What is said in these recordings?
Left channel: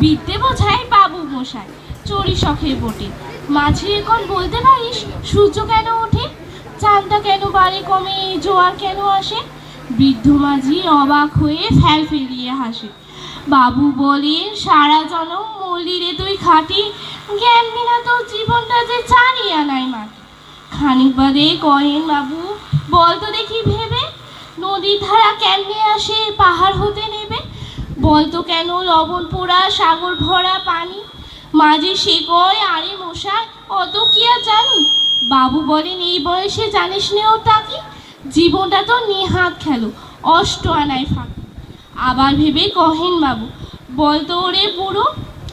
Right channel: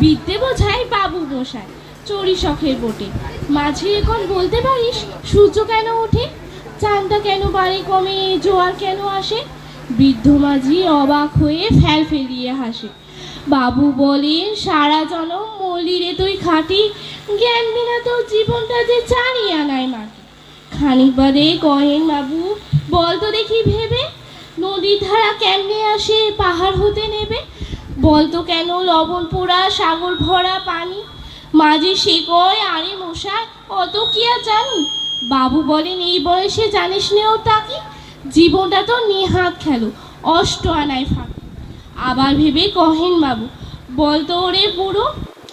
বিদ্যে বোঝায় বাবু মশাই চড়ি শখের বটে। মাঝে এখন বলতে পারিস সূর্য কেন ওঠে, চাঁদটা কেন বাড়ে কমে, জোয়ার কেন আসে? বৃদ্ধ মাঝি অবাক হয়ে ফেল ফেলিয়ে হাসে। বাবু বলেন সারা জনম মল্লিরে তুই খাটি, জ্ঞান বিনা তোর জীবনটা যে চারিয়া নাই মাটি। খানিক বাদে কহেন বাবু বল তো দেখি ভেবে, নদীর ধারা কেমনে আসে পাহাড় হতে নেবে? বলতো কেন লবণ পোড়া সাগর ভরা পানি? মাঝে সে কয় আরে মশাই অত কি আর জানি। বাবু বলেন এই বয়সে জানিস নে ওটা কি, জীবনটা তো নিহাত খেলো অষ্ট আনায় ফাঁকি। আবার ভেবে কহেন বাবু বলতো ওরে বুড়ো,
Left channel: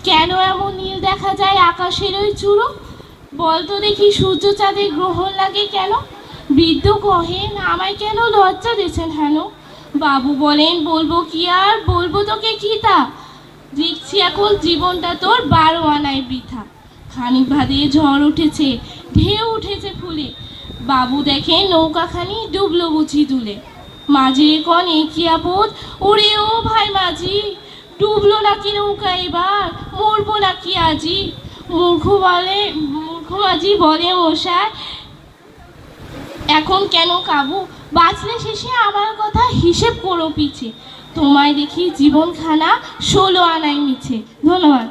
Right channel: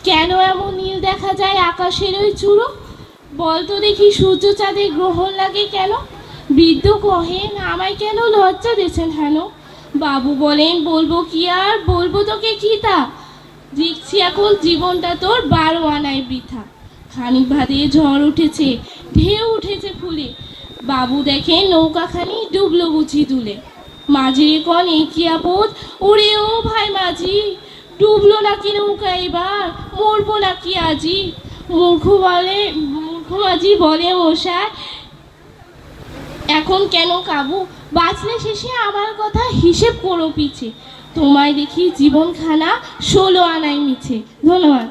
কেন এমন নীল দেখা যায় আকাশের ওই চূড়ো? বলতো দেখি সূর্য চাঁদে গ্রহণ লাগে কেন? বৃদ্ধ কহেন আমায় কেন লজ্জা দিয়েছেন হেন? বাবু বলেন বলবো কি আর বলবো তোকে কি তা, দেখছি এখন জীবনটা তোর 12 আনায় বৃথা। খানিক বাদে ঝড় উঠেছে, ঢেউ উঠেছে ফুলে, বাবু দেখে নৌকাখানি ডুবলো বুঝি দুলে। মাঝির কন একই আপদ, ওরে ও ভাই মাঝি, ডুবলো নাকি নৌকা এবার, মরবো নাকি আজি? মূর্খ মাঝি বলে মশাই এখন কেন কাবু, বাঁচলে শেষে আমার কথা হিসেব করো পিছে, তোমায় দেখি জীবনখানা 16 আনায় মিছে। ধন্যবাদ।